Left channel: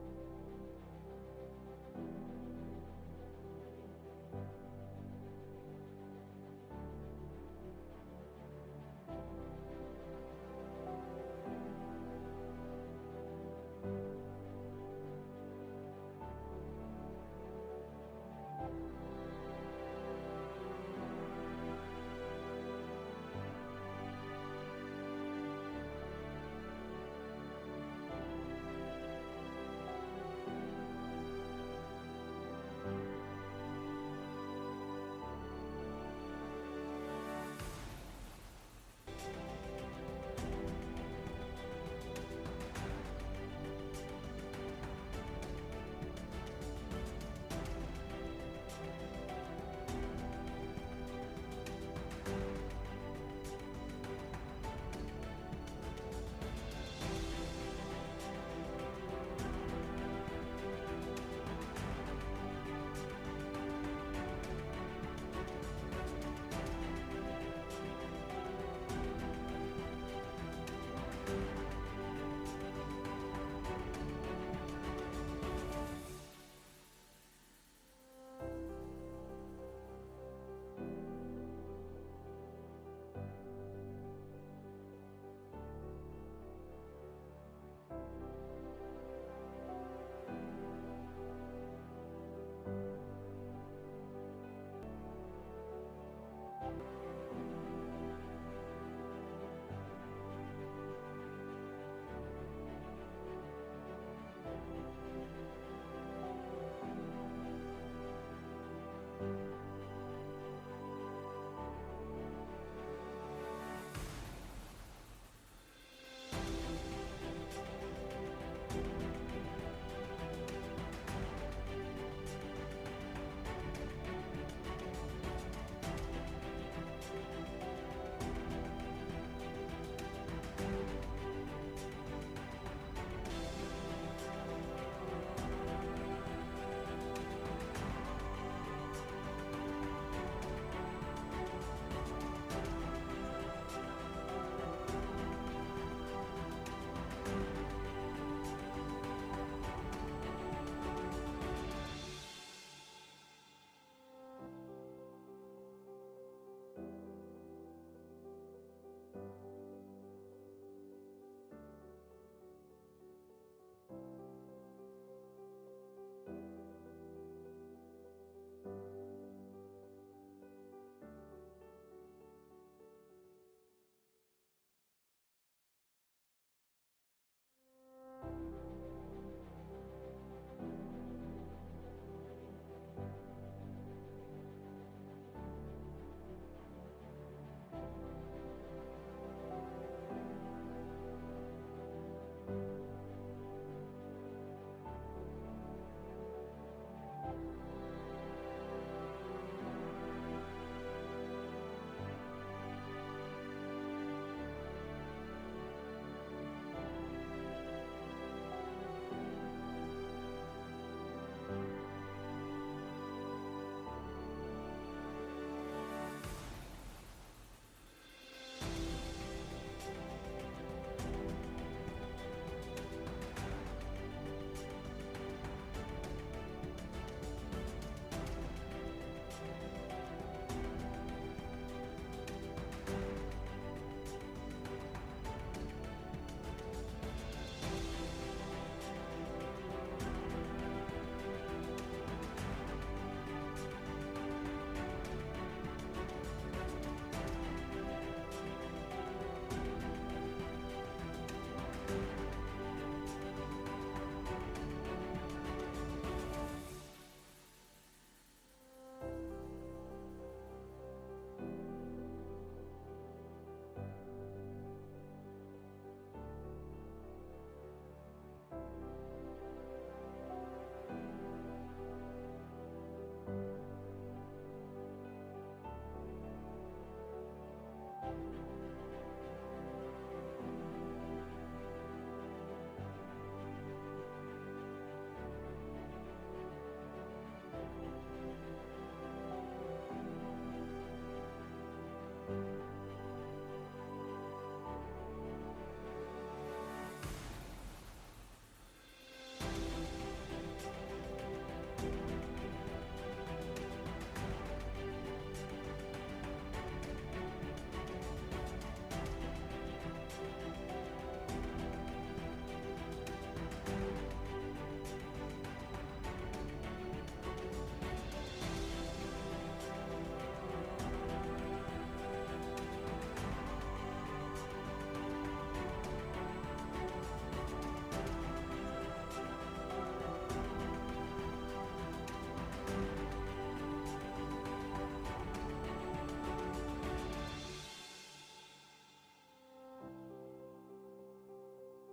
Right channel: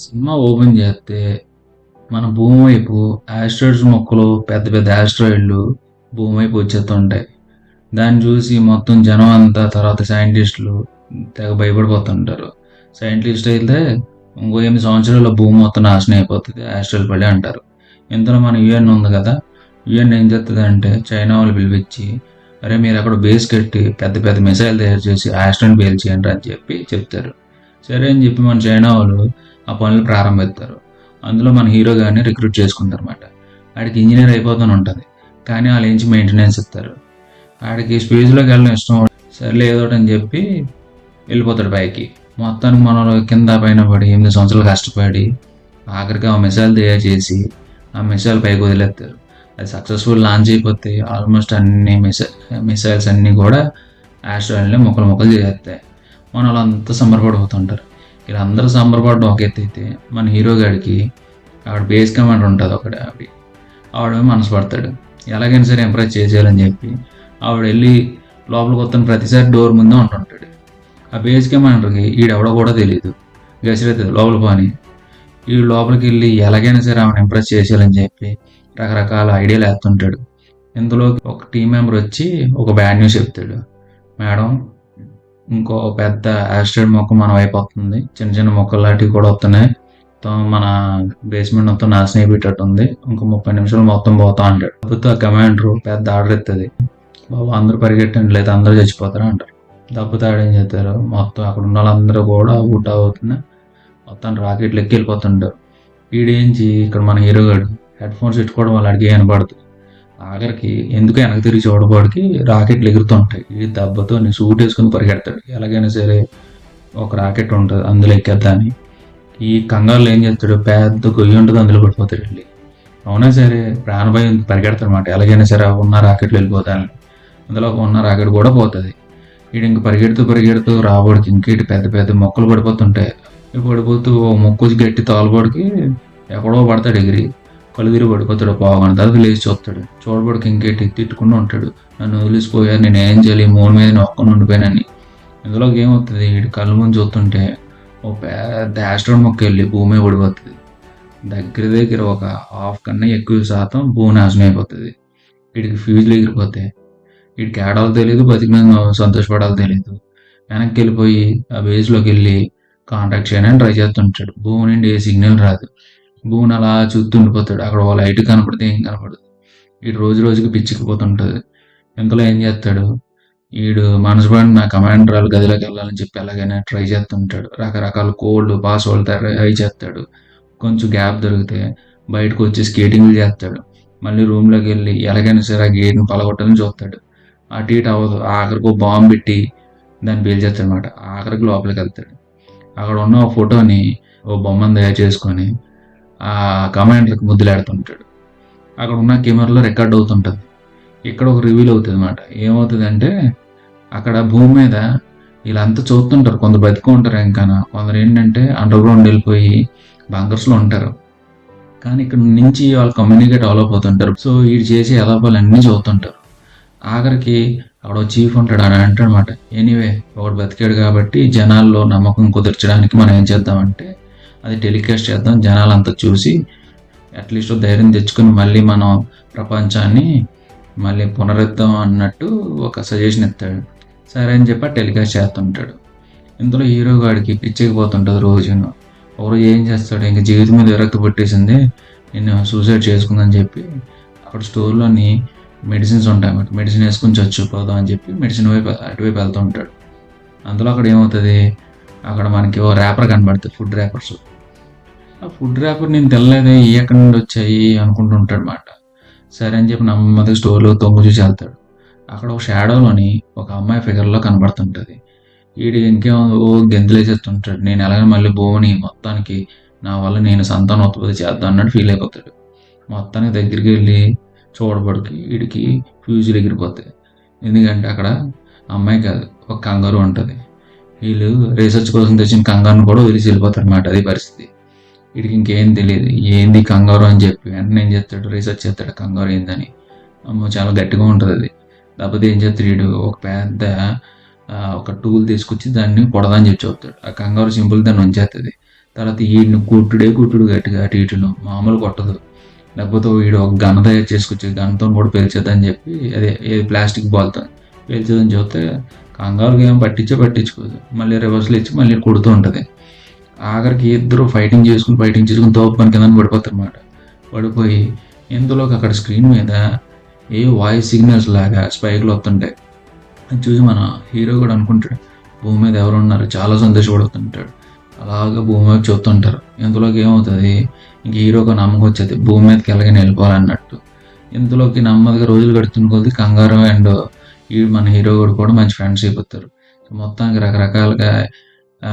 Cinema open చేస్తే మన భూమి వైపు ఆస్ట్రాయిడ్స్ మొక్కలు పెద్ద పెద్ద ఆస్ట్రాయిడ్లు భూమి వైపు వచ్చేస్తుంటాయి. దాన్ని చూసి మొత్తం జనం అంతా తర్వాత సైంటిస్టులు తెగ భయపడిపోతుంటారు. సైంటిస్ట్ అయితే ఇంకో 8 సంవత్సరాల్లో భూమి మొత్తం నాశనం అయిపోతుంది ఆస్ట్రాయిడ్ పడి అంటారు. ఇంతలో మన యుఎన్ ఉంది కదా, యుఎన్ ఏం చేస్తుంది అంటే చైనా వాళ్ళు పిలిపించి, అరే మీరు అక్కడ బేస్ కట్టి పెద్ద పెద్ద మిసైల్ తయారు చేసి ఆస్ట్రాయిడ్ పేల్చేయండి అని చెప్పి చెప్తారు. సరే అని చెప్పి మన చైనా వాళ్ళు ఆ పనులు ప్రారంభిస్తారు. అందులో మన హీరో గారిని రిక్రూట్ చేసుకుంటారు అనమాట. ఆడికి ఇంజనీర్ అయిపోతూనే ఉంటుంది, కానీ వాళ్ళు ఏంచి మెయింటెనెన్స్ ఇస్తారు. ఆడికి స్పేస్లోకి వెళ్ళడం ఇష్టం. సర్లే ఏదో ఒకటి అని చెప్పి వెళ్ళిపోతాడు పైకి. మొత్తానికి మనం కింద పైన పడి 8 సంవత్సరాలు కష్టపడి ఆఖరికి ఆ మిసైల్ తయారు చేసి ఆ మిసైల్ పైకి వదిలేస్తారు. అది సక్సెస్ఫుల్ లాంచ్ అయిపోతే ఆల్మోస్ట్ అన్ని మిసైల్స్ అన్నీ కూడా ఆస్ట్రాయిడ్ని ముక్కలు ముక్కలు చేసేస్తాయి. మన వాళ్ళంతా సంబరపడిపోతుంటారు. ఇలా అందరూ సంబరపడడం ఒక ఎత్తు అయితే మన హీరో గాడికి ఆవిడ బేస్ కమాండర్ ఉంటుంది ఒకటి, ఆవిడ మనసు పడతాడు. ఎలాగైనా సరే ఎంప్రెస్ చేసేయాలని చెప్పి ఆవిడ వెళ్ళి లోపలికి వస్తున్న ప్రతిసారి డోర్ ముందే ఉంటుంటాడు. ఆ బేస్ కమాండర్కి ఈడెవడో కూడా తెలియదు. గసిరెత్తది లోపల పని. ఈ లోపలికి వెళ్ళి ఎలాగైనా సరే ఆమెను ఇంప్రెస్ చేసేయాలని చెప్పి రకరకాల ఐడియాలు వేస్తుంటాడు. ఇందులో ఒక టీం మెంబర్ వచ్చి ఒక బ్యాడ్ న్యూస్ చెప్తాడు. మేడం, ఇంకో పెద్ద ఆస్ట్రాయిడ్ మొక్క మన వైపు వస్తుంది, చిన్న చిన్న మొక్కలు లాంటివి కూడా వస్తున్నాయి, మన బేస్మెంట్ మొత్తం నాశనం అయిపోయేటట్టు ఉంది, ఇంకో 30 నిమిషాలు మొత్తం పోతా అంటాడు. కాకపోతే ఆ కమాండర్ పెద్ద ఆర్డర్ ఎత్తుంది, బాబు అందరూ పరిగెట్టండి లేదా అందరూ చచ్చిపోతారు అంటారు. తప్పితే ఆడేం చేస్తారు, మొత్తం అక్కడ ఉన్న వాళ్ళందరూ కూడా ఊట అవుతున్నా మొత్తం రాకెట్లు ఎక్కి వెళ్ళిపోతుంటారు. వీడేంచి ఇక్కడ మన హీరో గారు హెడ్ ఫోన్స్ పెట్టుకోవడం వల్ల అడిగి వినపడుతుంది. ఆఖరికి ఎందుకు వెనక తిరిగి చూడబడికి రాకెట్లు ఎగురుతుంటాయి. ఈ దెబ్బతో సూట్ వేసుకుని పరిగెడతాడు. ఎలాగైనా సరే ఒక రాకెట్ ఉంటుంది అందులో ఎక్కేద్దాని. ఈ కంగారులో ఏం చేస్తాడు, పెద్ద గొయ్యి ఉంటుంది అందులో పడిపోతాడు వెళ్ళి. అవునా సరే ప్రాణభయం పరిగెడతాడు అనమాట. ఎలాగైనా సరే ఉన్న రాకెట్లు వెళ్ళిపోతాను. అందులో ఉన్న రాకెట్ కూడా పోతుంది. వీడు ఇంక పరిగెడుతూ పరిగెడుతూ రాబడికి ఇంకేటి పెద్ద పెద్ద మొక్కలు పడిపోతుంటాయి. పడిపోతూ ఓ మొక్క గట్టి తోలబడికి ఎక్కడో పడతాడు ఎగిరి. కళ్ళు తిరిగి పడిపోతాడు. పోగానే తర్వాత లేచి చూస్తాడు. చూడబడికి ఇంకేటి తిట్టుకుంటూ ఉంటాడు, నన్ను వదిలేసిపోయారు, నేను ఏం చేయాలి, మూడు మీద నొక్కని ఉండిపోయానని. ఇందులోకి ఏమవుతుంది, వీడి కళ్ళు ముందు చూస్తుంటే ఓ పెద్ద ఆస్ట్రాయిడ్ మొక్క వెళ్ళి భూమి పడిపోతుంది. దగ్గర దగ్గర ఒక హాఫ్ కన్నా ఎక్కువ శాతం భూమి నాశనం అయిపోతుంది. వీడికి ఫ్యూజ్లు ఎగిరిపోతాయి. వీడికి ఏడాలో తెలియదు, బతికిన సంతోషపడాలో తెలియదు. వెనక్కి వెళ్ళిపోయి ఆ బేస్లోకి వెళ్ళి కాంటాక్ట్ చేయడానికి ట్రై చేస్తుంటాడు. భూమి నుండి ఏ సిగ్నల్ రాదు. భూమిని అలా చూస్తూ ఉండిపోతాడు. అక్కడ ఓ లైట్ కనపడితే ఏం కనపడదు. వీడు రోజు రోజుకి పిచ్చికిపోతుంటుంది. ఇంతలో ఏం చేస్తాడు, వీడు మనసు పడి నా కమాండర్ వాళ్ళ గదిలోకి వెళ్ళాలని చెప్పి ఎలాగైనా ట్రై చేస్తుంటాడు. రకరకాల కోడ్లు పాస్వర్డ్ ట్రై చేస్తాడు. కొంచెం గ్యాప్ దొరికితే బయటకు వచ్చి స్కేటింగ్లు చేస్తాడు. మళ్ళీ రూమ్లోకి వెళ్ళి ఎలాగైనా సరే ఆ గేట్ని పలగొట్టాలని చూస్తాడు. అటు ఇటు అవ్వదు. ఆఖరికి ఓ బాంబు పెట్టి దాన్ని పేల్చేస్తాడు అనమాట. ఆఖరికి లోపలికి వెళ్తాడు. అక్కడ ఉన్న ఒక ఫోటోని ఓ బొమ్మను తయారు చేసుకొని ఆ కమాండర్కి ముద్దులాడుతుంటాడు. అక్కడ ఉన్న కెమెరాలో రికార్డ్ అవుతుంటుంది. ఇక్కడ ఒక రివీల్ అవుతుంది అనమాట. ఏమవుతుంది అంటే అక్కడ భూమి మీద వీళ్ళంతా చూస్తుంటారు. కొందరు బతుకుంటారు, ఇంకా కొందరు ఏంటంటే అండర్ గ్రౌండ్ వెళ్ళిపోయి బంకర్స్లో ఉంటారు. కానీ ఇక్కడ నుంచి వాళ్ళు కమ్యూనికేట్ డెవలప్ అవుతుంటారు. సో వీడు చేసే ఎలాపాలన్నీ చూస్తుంటారు. ఆఖరికి అక్కడ చీఫ్ ఉంటాడు, అని అంటాడు అనమాట, ఎనీవే ఒకడు బతికాడు కాబట్టి జనాల్లో నమ్మకం కుదర్చడానికి మనం ఏం చేద్దామంటే అది టెలికాస్ట్ చేద్దాం, జనాలంతా చూసి అట్లీస్ట్ ధైర్యం తెచ్చుకుని మళ్ళీ మనం ప్రపంచాన్ని మళ్ళీ పునరుద్ధం అన్నట్టు ఒక సజెషన్ ఇస్తాడు. సరే అని చెప్పి టెలికాస్ట్ చేస్తుంటాడు. ఇందులో హీరో గాడికి పిచ్చెక్కిపోతుంటుంది. రోజును ఒకరోజు ఏం చేస్తాడు, ఇంకా జీవితం మీద విరక్తి పట్టేసింది, నేను సూసైడ్ చేసుకుందని చెప్పి అక్కడ స్టోర్లోని మెడిసిన్స్ ఉంటాయి అన్నమాట. మెడిసిన్ వేసుకుని చచ్చిపోదాం అని చెప్పి మెడిసిన్ వైపు అటువైపు వెళ్తూ ఉంటాడు. అందులో అక్కడ ఏమవుతుంది, అక్కడ మనకి ఓ ర్యాపర్ కనబడుతుంది, ఫుడ్ ర్యాపర్స్. ఆ ఫుడ్ ర్యాపర్ నేను తెల్లదే ఈ ఎక్కడి నుండి వచ్చాయి అనుకుంటుంటాడు అన్నమాట. సరే అని చెప్పి నెమ్మదిగా స్టోర్లో తొంగి చూసి వెళ్తాడు. అక్కడ ఒక షాడోలోని ఒక అమ్మాయి ఫిగర్లో కనబడుతుంటుంది. వీడు ఇంకేమో ఓ గెంతులేసేస్తుంటాడు, నేను ఎలాగైనా మళ్ళీ భూమిని మొత్తానికి నా వల్ల నేను సంతానోత్పత్తి చేద్దాం అన్నట్టు ఫీల్ అయిపోతాడు. మొత్తానికి దగ్గరికి వెళ్ళి చూడబడికి వీడికి ఫ్యూజులు ఎగిరిపోతాయి. ఎందుకంటే అక్కడ అమ్మాయి కాదు, ఒక కంగారు ఉంటుంది. వీళ్ళు రీసెర్చ్ కోసం తెచ్చిన కంగారును కూడా వదిలేసి వెళ్ళిపోతారు అన్నమాట. అది పరిస్థితి. వీడికి ఇంకేం తెలియదు, ఏంది కంగారు అని చెప్పి వెంటనే ఏం చేస్తాడు, రీసెర్చ్ చేస్తాడు కంగారు ఏందని. అమ్మో చాలా గట్టిగా ఉంటుంది అది. కాకపోతే ఏం చేస్తాడు, వీడు ఒక పెద్ద ఒక టూల్ తీసుకొచ్చి దాన్ని పొడదని చెప్పి చెప్తాడు. ఆ కంగారు సింపుల్ దాన్ని ఉంచేస్తుంది. తర్వాత ఈడిని కుట్టుడు గట్టిగా అటు ఇటును మామూలు కొట్టదు. లేకపోతే వీడు ఒక గన్ తయారు చేసుకొచ్చి గన్‌తోని కూడా పేల్చేద్దని చెప్పి అదే ఏది ప్లాస్టిక్ బాల్‌తోని పేల్చేద్దని చూస్తే కంగారుగా ఏం పట్టించుకోదు. మళ్ళీ రివర్స్‌లో ఇచ్చి మళ్ళీ కొడుతూ ఉంటది. ఆఖరికి ఇద్దరు ఫైటింగ్ చేసుకొని తోపుకొని కిందన పడిపోతారన్నమాట. పడిపోయి ఇంతలోకి అక్కడ స్క్రీన్ మీద ఏ వాయిస్ సిగ్నల్స్ లాగా స్పైక్‌లు వస్తుంటాయి. అది చూసి మన హీరో కూడా అనుకుంటాడు భూమి మీద ఎవరున్నారు చాలా సంతోషపడుతుంటాడు. అలాగా భూమి వైపు చూస్తుంటారు. ఇంతలోకి ఏమవుతుంది ఇంక హీరోకి నమ్మకం వచ్చేది భూమి మీదకి ఎలాగైనా వెళ్ళిపోవాలన్నట్టు. ఇంతలోకి నెమ్మదిగా రోజులు గడుస్తున్న కొద్దీ కంగారు అండ్ ఈ మన హీరో కూడా మంచి ఫ్రెండ్స్ అయిపోతారు. మొత్తానికి రకరకాలుగా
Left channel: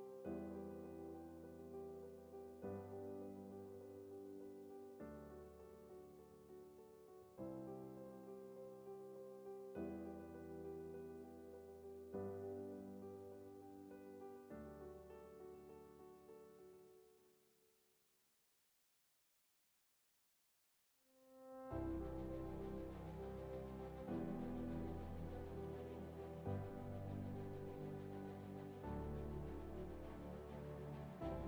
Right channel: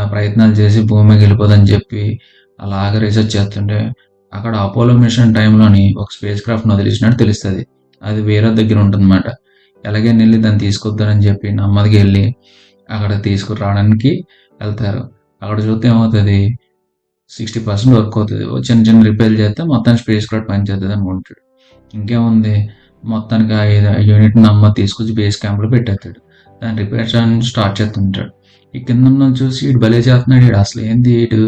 ప్రయత్నాలు చేసి భూమి మీదకి వెళ్ళిపోదని చెప్పి అలాగ రీసెర్చ్ చేస్తుంటే అక్కడ అపోలో మిషన్ టైంలోని ఒక స్పేస్ క్రాఫ్ట్‌ని వదిలేసినట్టు తెలుస్తది. అది వేరే దగ్గర ఉంటుందన్నమాట. ఎలాగైనా వెళ్లి దాన్ని తీసుకొద్దామని చెప్పి నెమ్మదిగా వెళ్ళి అక్కడ తీసుకురావడానికి వెళ్తారు. అక్కడ చూస్తే ఏమవుతది 60% వర్క్ అవుతది. చిన్న చిన్న రిపేర్లు చేస్తే మొత్తానికి స్పేస్ క్రాఫ్ట్ పనిచేస్తది అనుకుంటాడు. ఇంకేముంది మొత్తానికి ఆ యూనిట్‌ని నెమ్మదిగా తీసుకొచ్చి బేస్ క్యాంప్‌లో పెట్టేస్తాడు. దాన్ని రిపేర్ చేయడానికి స్టార్ట్ చేస్తుంటాడు. ఈ కిందున్నోళ్ళు చూసి ఈడు భలే చేస్తున్నాడు ఈడు అసలు ఏంది ఈడు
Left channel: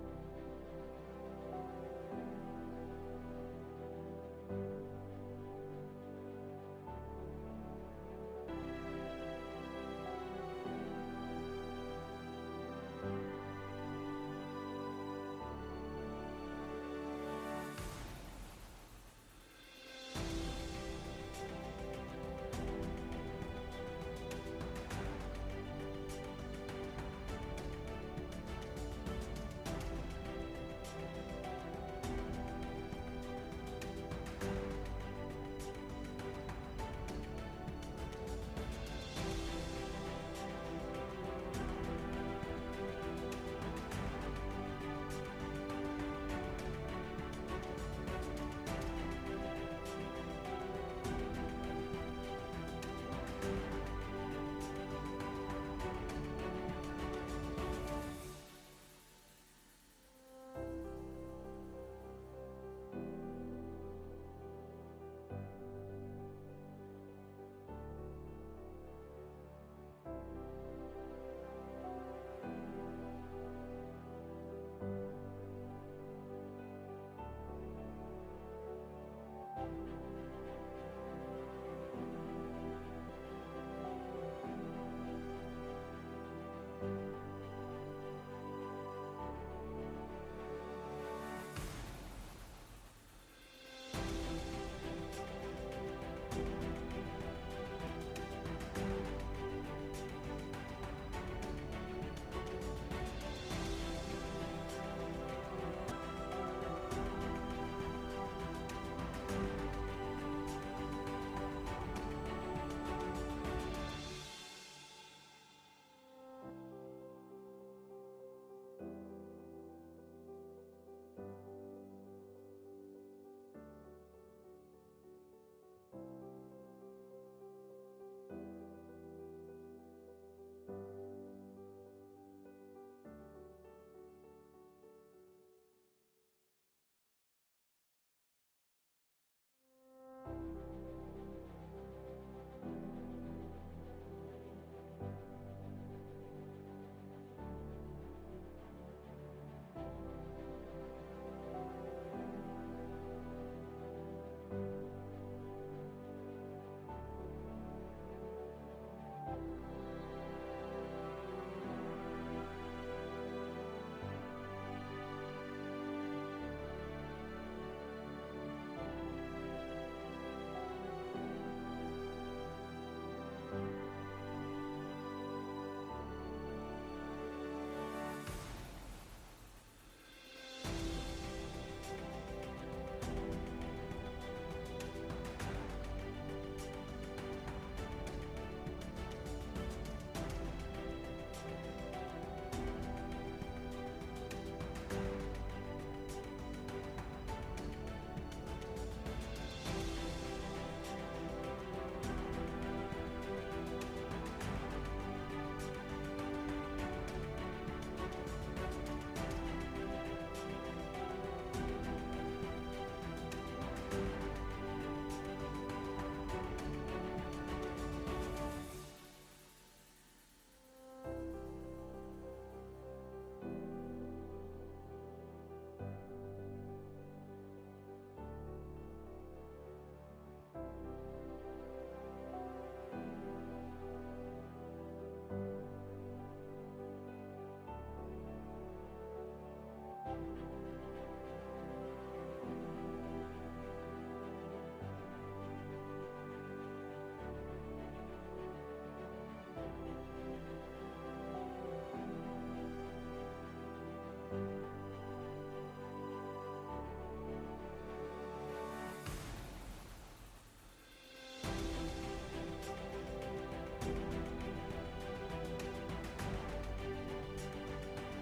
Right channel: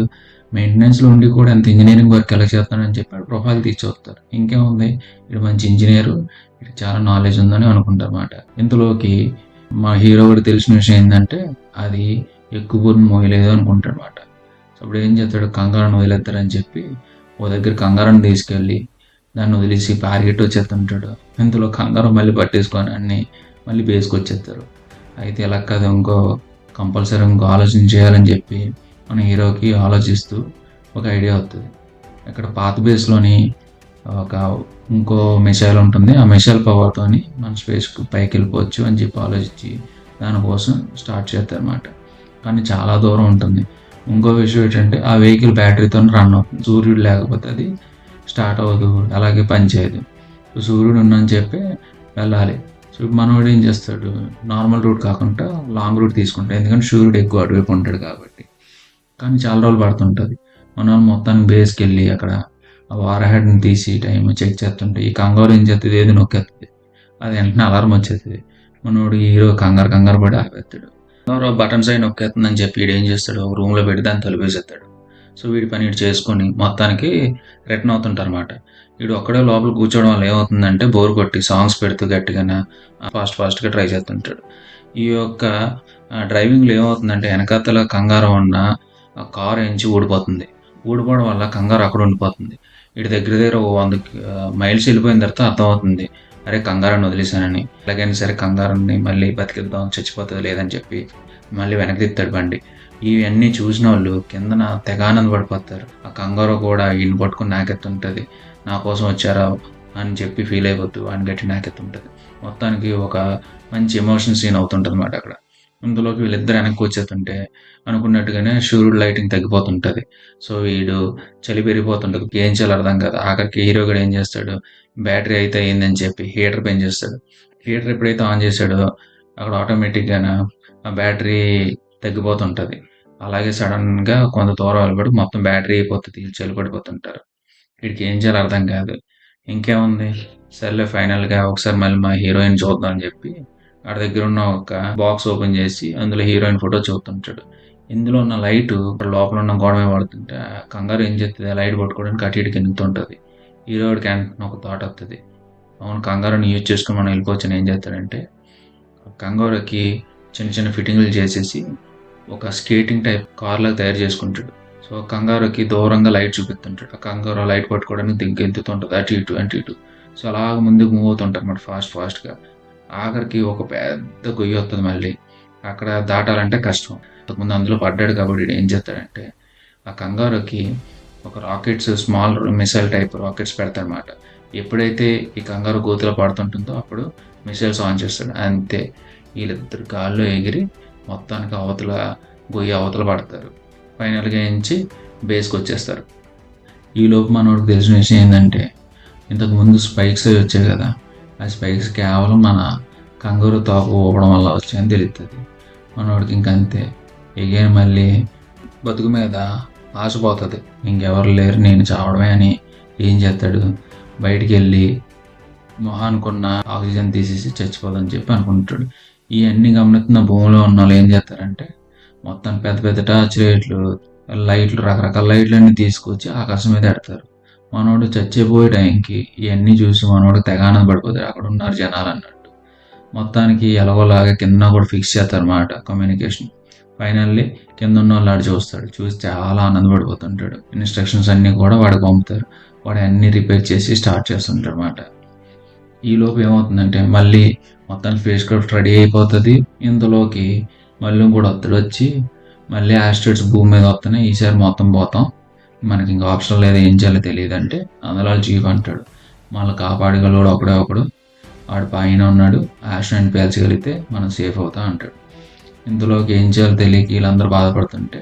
మెయింటెనెన్స్‌లో ఉండి కూడా ఇంత ఇంజినీరింగ్ వర్క్ ఎలా చేస్తున్నాడని చెప్పి ఆడి ప్రొఫైల్ తీసి చూస్తారు. ఇంకేముంది ఈడు మంచి ఇంజినీరు, ఈడికి చాలా నాలెడ్జ్ ఉందని అనుకుంటారన్నమాట. ఇంతలోకి మా హీరో కూడా తెలిసిన విషయం ఏందంటే అది ఎక్కువ బరువును మోయలేదు అనుకుంటాడన్నమాట. అప్పుడు ఏం చేస్తాడు కంగారుని వదిలేస్తారని చెప్పి ఓ దగ్గర కంగారుని తీసుకెళ్ళి దాన్ని వదిలేసి పరిగెట్టి వచ్చేస్తుంటాడు. ఇంతలో కంగారు మళ్ళీ పట్టేసుకొని అన్ని మళ్ళీ బేస్కి వచ్చేస్తారు. అయితే ఇలా కాదు కంపల్సరీ ఇంకో ఆలోచన చేయాలని చెప్పి మన హీరోకి ఆలోచిస్తూ ఒక ఐడియా వస్తుంది. ఇక్కడ పాత బేస్లోని ఒక ఇంకో మిసైల్ ఉంటుంది. ఆ మిసైల్ పవర్తోని మన స్పేస్కి పైకి వెళ్ళిపోవచ్చు అని చెప్పి ఆలోచించి దానికోసం స్టార్ట్ చేస్తారన్నమాట. కానీ చాలా దూరం ఉంటుంది. ఇంకో విషయం ఏంటంటే ఆ వెహికల్ బ్యాటరీతో రన్ అవుతుంది. సూర్యుడు లేకపోతే అది స్టార్ట్ అవ్వదు, అలాగే పనిచేయదు. సూర్యుడు ఉన్నని చెప్పి వెళ్ళాలి. సో మనోడు ఏం చేస్తాడు నార్మల్ రూట్ కాకుండా లాంగ్ రూట్ తీసుకుంటాడు. ఎందుకంటే సూర్యుడు ఎక్కువ అటువైపు ఉంటాడు కాబట్టి. కానీ చాలా రోజులు పడుతుంటుంది. మన మొత్తానికి బేస్కి వెళ్ళి అక్కడ ఆ వార్ హెడ్ని తీసి టైం చెక్ చేస్తుంటే ఈ కంగారు ఏం చేస్తుంది ఏది నొక్కేస్తుంది. అది వెంటనే అలారం వచ్చేస్తుంది. మనోడు హీరో కంగారు పడి ఆపేస్తాడు. బటన్స్ అయి నొక్కేస్తుందని చెప్పి వీడు ఏం చేస్తాడు ఒక రూమ్లో పెట్టి దాన్ని తలుపేసేస్తాడు. సో వీడి పని వీడు చేసుకొని మొత్తానికి రిటర్న్ అవుతుంటారన్నమాట. వీడు ఒక్కడే లోపల కూర్చోవడం వల్ల ఏమవుతుందంటే బోర్ కొట్టి సాంగ్స్ పెడుతూ గట్టిగానే ఫాస్ట్గా ట్రై చేస్తుంటాడు. ఈ యొక్క డ్రైవింగ్లో ఏమవుతుందంటే వెనకాతల కంగారు ఉన్న ఆ కారు ఎంచి ఊడిపోతుంది. ఊడిపోవడం వల్ల కంగారు అక్కడ ఉండిపోతుంది. వీడి దగ్గర ఓ 100 మైల్స్ వెళ్ళిపోయిన తర్వాత అర్థమవుతుంది అరే కంగారుని వదిలేశానని. ఎలాగైనా సరే కంగారుని మళ్ళీ బతికిద్దాం చచ్చిపోతుంది లేదని చెప్పి మళ్ళీ వెనక్కి తిప్పుతాడు బండి. ఇవన్నీ చూసిన వాళ్ళు కిందన తెగ ఆనందపడిపోతారు. ఆ కంగారు కూడా ఈయన్ని పట్టుకుని నాకెత్తుంటుంది. నా కోసం వచ్చారా అని చెప్పి ఫీల్ అయిపోతూ ఆయన గట్టి నాకెత్తుంటుంది. మొత్తానికి ఒక మంచి ఎమోషన్ సీన్ అవుతుంటుంది అన్నమాట అక్కడ. ఇందులోకి వీళ్ళిద్దరు వెనక్కి వచ్చేస్తుంటే అనుకున్నట్టుగానే సూర్యుడు లైటింగ్ తగ్గిపోతుంటుంది. సో వీడు చలి పెరిగిపోతుంటుంది. ఏం చేయాలో అర్థం కాదు. ఆఖరికి హీరో కూడా ఏం చేస్తాడు బ్యాటరీ అయితే అయిందని చెప్పి హీటర్ పెంచేస్తాడు. హీటర్ ఎప్పుడైతే ఆన్ చేశాడో అక్కడ ఆటోమేటిక్గానే ఆ బ్యాటరీ తగ్గిపోతుంటుంది. అలాగే సడన్గా కొంత దూరం వెళ్ళబడి మొత్తం బ్యాటరీ అయిపోతుంది. చలి పడిపోతుంటారు. వీడికి ఏం చేయాలో అర్థం కాదు. ఇంకేముంది సర్లే ఫైనల్‌గా ఒకసారి మళ్ళీ మా హీరోయిన్ చూద్దాం అని చెప్పి ఆడి దగ్గర ఉన్న ఒక బాక్స్ ఓపెన్ చేసి అందులో హీరోయిన్ ఫోటో చూస్తుంటాడు. ఇందులో ఉన్న లైటు లోపల ఉన్న గోడ మీద పడుతుంటే కంగారు ఏం చేస్తుంది ఆ లైట్ పట్టుకోవడానికి అటు ఇటు గెంతుతుంటుంది. హీరోడికి వెంటనే ఒక థాట్ వస్తుంది. అవును కంగారుని యూజ్ చేసుకొని మనం వెళ్ళిపోవచ్చని ఏం చేస్తాడంటే కంగారుకి చిన్న చిన్న ఫిట్టింగ్లు చేసేసి ఒక స్కేటింగ్ టైప్ కార్లాగా తయారు చేసుకుంటాడు. సో కంగారుకి దూరంగా లైట్ చూపిస్తుంటాడు. ఆ కంగారు లైట్ పట్టుకోవడానికి గెంతుతుంటుంది అటు ఇటు. సో అలాగ ముందుకు మూవ్ అవుతుంటారు అన్నమాట ఫాస్ట్గా. ఆఖరికి ఒక పెద్ద గొయ్యి వస్తుంది మళ్ళీ. అక్కడ దాటాలంటే కష్టం. అంతకుముందు అందులో పడ్డాడు కాబట్టి ఏం చేస్తాడంటే ఆ కంగారుకి ఒక rockets small missile type rockets పెడతాడనమాట. ఎప్పుడైతే ఈ కంగారు గోతిలో పడుతుంటుందో అప్పుడు మిసైల్స్ ఆన్ చేస్తాడు. అంతే వీళ్ళిద్దరు గాల్లో ఎగిరి మొత్తానికి గొయ్యి అవతల పడతారు. ఫైనల్గా ఎంచి బేస్కి వచ్చేస్తారు. ఈలోపు మనోడికి తెలిసిన విషయం ఏంటంటే ఇంతకుముందు స్పైక్స్ అవి వచ్చాయి కదా, ఆ స్పైక్స్ కేవలం మన కంగారు తోక ఊపడం వల్ల వచ్చాయని తెలుస్తుంది. మనోడికి ఇంకంతే ఎగైన్ మళ్ళీ బతుకు మీద ఆశపోతుంది. ఇంకెవరు లేరు నేను చావడమే అని ఏం చేస్తాడు బయటికి వెళ్ళి మొహానుకున్న ఆక్సిజన్ తీసేసి చచ్చిపోదని చెప్పి అనుకుంటాడు. ఇవన్నీ గమనిస్తున్న భూమిలో ఉన్న వాళ్ళు ఏం చేస్తారంటే మొత్తం పెద్ద పెద్ద టార్చ్ లైట్లు లైట్లు రకరకాల లైట్లన్నీ తీసుకొచ్చి ఆకాశం మీద ఎడతారు. మనోడు చచ్చిపోయే టైంకి ఇవన్నీ చూసి మనోడు తెగ ఆనందపడిపోతాడు. అక్కడ ఉన్నారు జనాలు అన్నట్టు. మొత్తానికి ఎలాగోలాగా కింద కూడా ఫిక్స్ చేస్తారన్నమాట కమ్యూనికేషన్. ఫైనల్లీ కింద ఉన్న వాళ్ళు ఆడు చూస్తాడు. చూసి చాలా ఆనందపడిపోతుంటాడు. ఇన్స్ట్రక్షన్స్ అన్నీ కూడా వాడికి పంపుతారు. వాడు అన్నీ రిపేర్ చేసి స్టార్ట్ చేస్తుంటాడు అన్నమాట. ఈలోపు ఏమవుతుందంటే మళ్ళీ మొత్తం స్పేస్ క్రాఫ్ట్ రెడీ అయిపోతుంది. ఇందులోకి మళ్ళీ కూడా ఒత్తిడి వచ్చి మళ్ళీ ఆస్ట్రాయిడ్స్ భూమి మీద వస్తున్నాయి. ఈసారి మొత్తం పోతాం, మనకి ఇంకా ఆప్షన్ లేదు, ఏం చేయాలో తెలియదు అంటే అందులో చీఫ్ అంటాడు, మళ్ళీ కాపాడగలడు ఒకడే ఒకడు, వాడు పైన ఉన్నాడు, ఆస్ట్రాయిడ్ పేల్చగలిగితే మనం సేఫ్ అవుతాం అంటాడు. ఇందులోకి ఏం చేయాలో తెలియక వీళ్ళందరూ బాధపడుతుంటే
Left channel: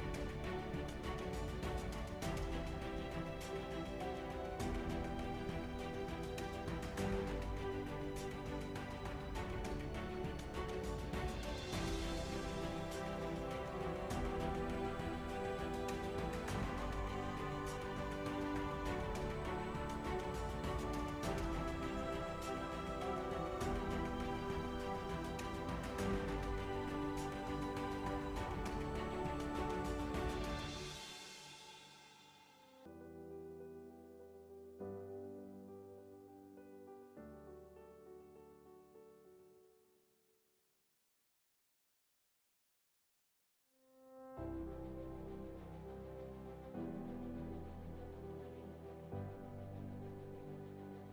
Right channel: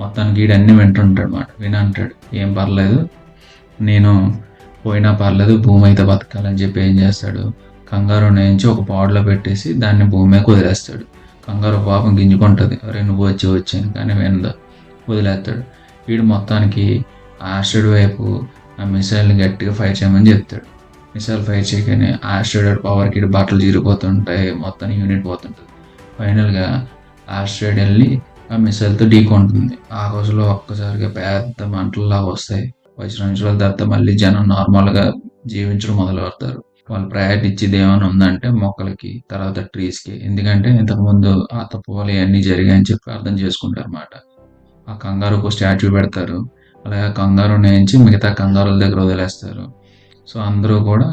మొత్తానికి వీడన్నీ వింటుంటాడు అన్నమాట. వినంటాడు, ఏం పర్లేదు, నేను పోయినా పర్లేదు, భూమి అయితే బతకాలని చెప్పి ఏం చేస్తాడు, కంగారు నేయించి ఒక పాడులో పెట్టేసి దాన్ని భూమి మీద వదిలేస్తాడు. కంగారు పాపం గింజుకుంటుంది, అరే నువ్వు వచ్చాను, కానీ వినదు, వదిలేస్తాడు. వీడు మొత్తానికి ఆస్ట్రాయిడ్ వైపు ఆ మిసైల్ని గట్టిగా ఫైర్ చేయమని చెప్తాడు. మిసైల్ ఫైర్ చేయగానే ఆస్ట్రాయిడ్ పవర్కి బట్టలు చిరిగిపోతుంటాయి, మొత్తం యూనిట్ పోతుంటుంది. ఫైనల్గా ఆస్ట్రాయిడ్ వెళ్ళి ఆ మిసైల్తో ఢీకొంటుంది. ఆ రోజులో ఒక్కసారిగా పెద్ద మంటల్లాగా వస్తాయి. 10 నిమిషాల తర్వాత మళ్ళీ జనం నార్మల్గా జీవించడం మొదలు పెడతారు. వాళ్ళు ప్రయారిటీ ఇచ్చేది ఏమైనా ఉందంటే మొక్కలకి, తర్వాత ట్రీస్కి. ఎందుకంటే ఇంతకుముందు ఆ తప్పులు ఇవన్నీ జరిగాయని చెప్పి అర్థం చేసుకుంటారు అన్నమాట. ఆ కంగారుకు స్టాచ్యూ పెడతారు. అలాగే కంగారు నేయించి మిగతా కంగారుల దగ్గర వదిలేస్తారు. సో అందరూ కూడా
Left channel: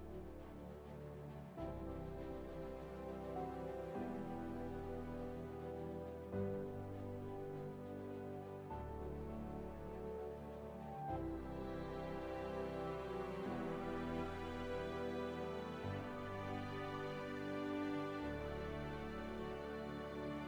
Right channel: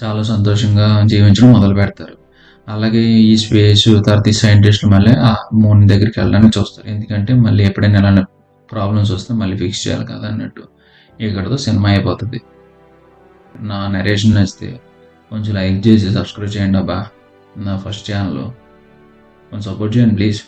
చాలా సంతోషంగా జీవించడం మొదలు పెడతారు. అలాగే ఈ స్పేస్ తర్వాత ఈ సైంటిస్టులు మళ్ళీ ఆ మూన్ దగ్గరికి వెళ్ళడానికి చూస్తారు. ఎందుకంటే మళ్ళీ ఎప్పుడైనా ఇలాంటి ప్రాబ్లమ్స్ వస్తే మళ్ళీ ఫిక్స్ చేయాలి కదా అన్నట్టు. ఇక్కడితో సినిమా అయిపోతుంది. నా నరేషన్ నచ్చితే కొంచెం లైక్ చేసి సబ్స్క్రైబ్ చేయండి అబ్బా. నా ఫస్ట్ ఛానల్ కొంచెం సపోర్ట్ చేయండి ప్లీజ్.